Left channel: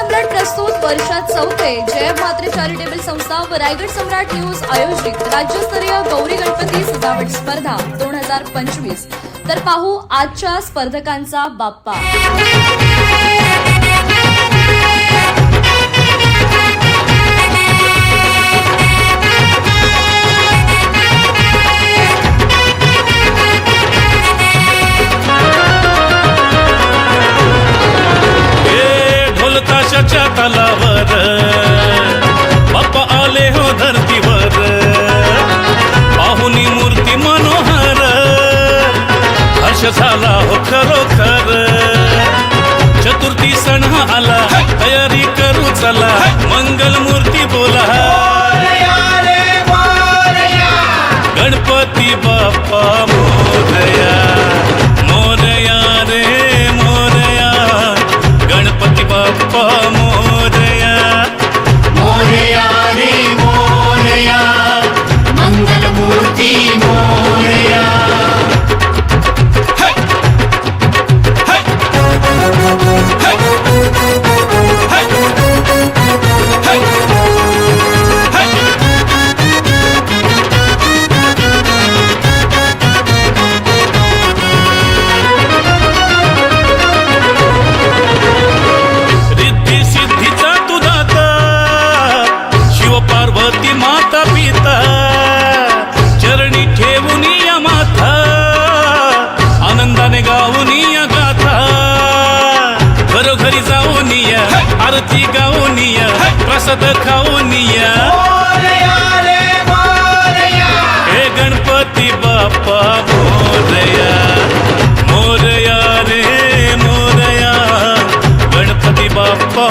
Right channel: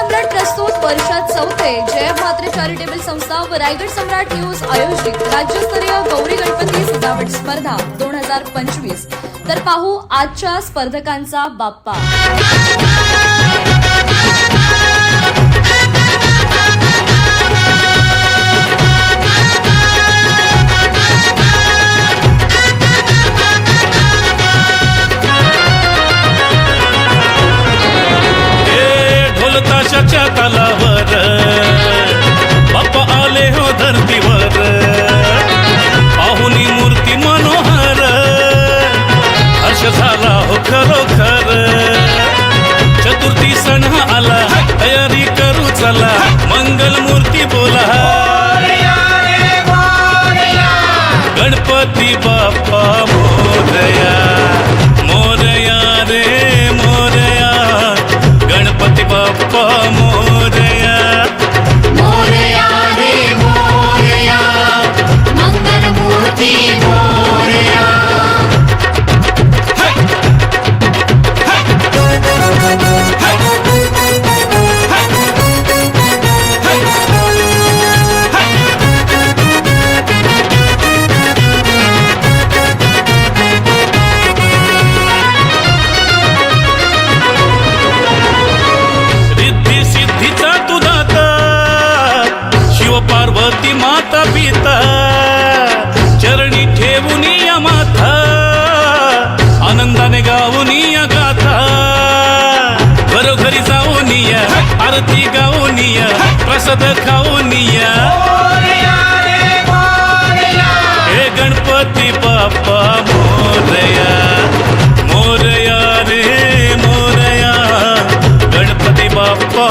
सम्राट प्रस्तुत वर्षात चौथे जय म्हात्रे चॅरिटेबल संस्था व रायगड सम्राट न्यूज आयोजित राज्यस्तरीय गौरी गणपती सजावट स्पर्धा 2025। तर पाहू आजच्या स्पर्धकांचा बाप्पा। ताशाच्या तालावर बाप्पा आले हो धरतीवर, पाहुनी मूर्ती मनोहर, हर्ष झाला हो खरोखर। चतुर्थी सण आला, तयारी करू चला, मंगल मूर्ती बोला, गणपती बाप्पा मोरया, मोरया रे मोरया, गणपती बाप्पा मोरया, मोरया रे मोरया, मंगल मूर्ती मोरया। पार्वती माता पिता चरणी ठेवून या माथा, आनंदाने गाऊन या गाथा, घरोघरी जाऊन या, आरती गाऊन या, प्रसाद खाऊन या, हे गणपती बाप्पा मोरया, मोरया रे मोरया, गणपती बाप्पा